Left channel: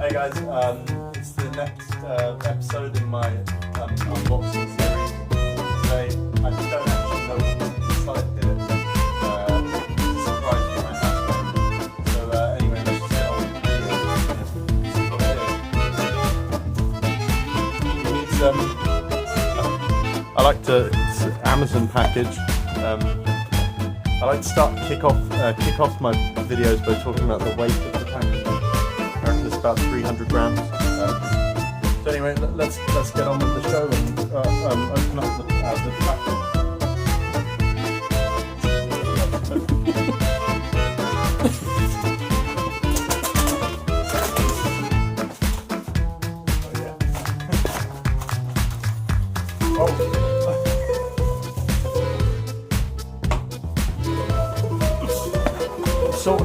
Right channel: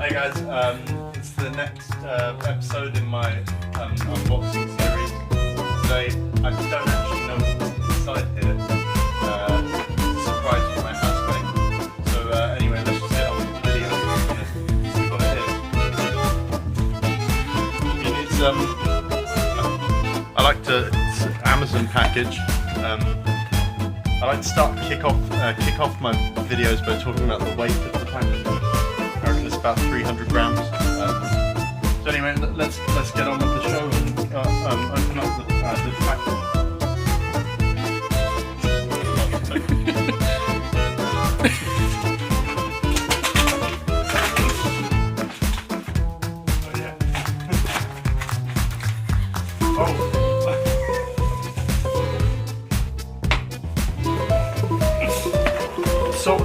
Hey guys, it's the next episode in my unboxing series. I don't actually know inside here. Surprise my husband. So anyway, let's just get on with the video. I like to, it's an Amazon package. I like to start kick off my videos by talking about the weight. Apparently it's about 300 grams. So anyway, let's get on with the show and open up the So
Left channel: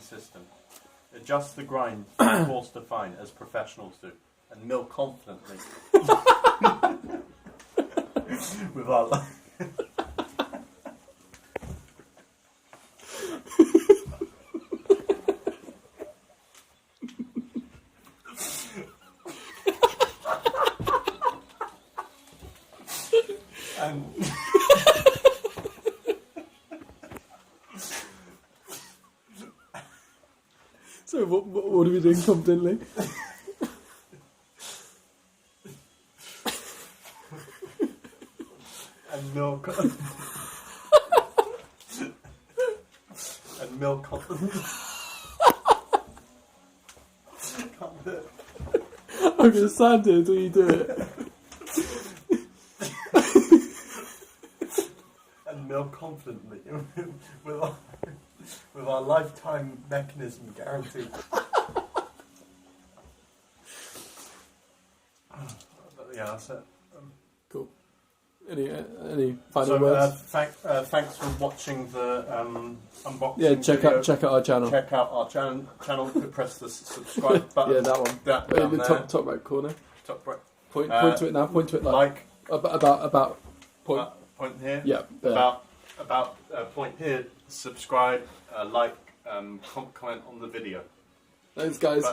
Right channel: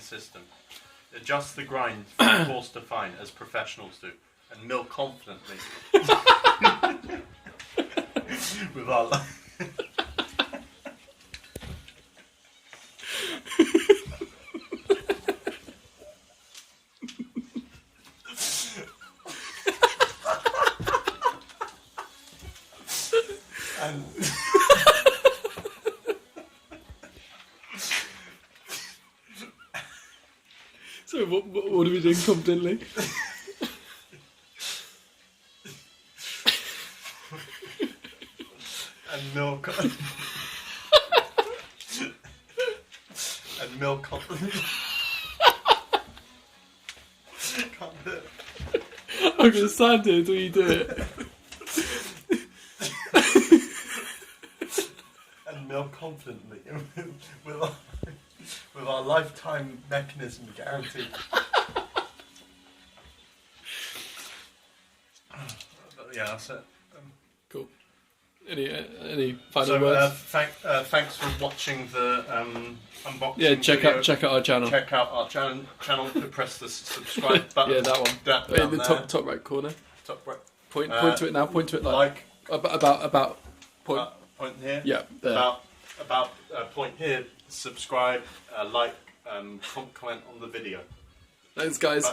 system. Adjust the grind from coarse to fine as professionals do, and mill confidently with our So what are we doing confidently? and mill confidently. Can't do it. I'm gonna stand here until you do it. And mill confidently with our lifetime mechanism guaranteed. Yeah, that's it. Cool. Any final So words? thanks for watching the unboxing. Yeah, check video. out our channel. Check out our channel. Press the subscribe button. Yeah, that one. That In down the there. top right corner. Top right. Point to it now. Point to it Like about point. point here. Yeah. There. About point here. Subscribe. Like. Comment on the video. Thanks, guys. Bye.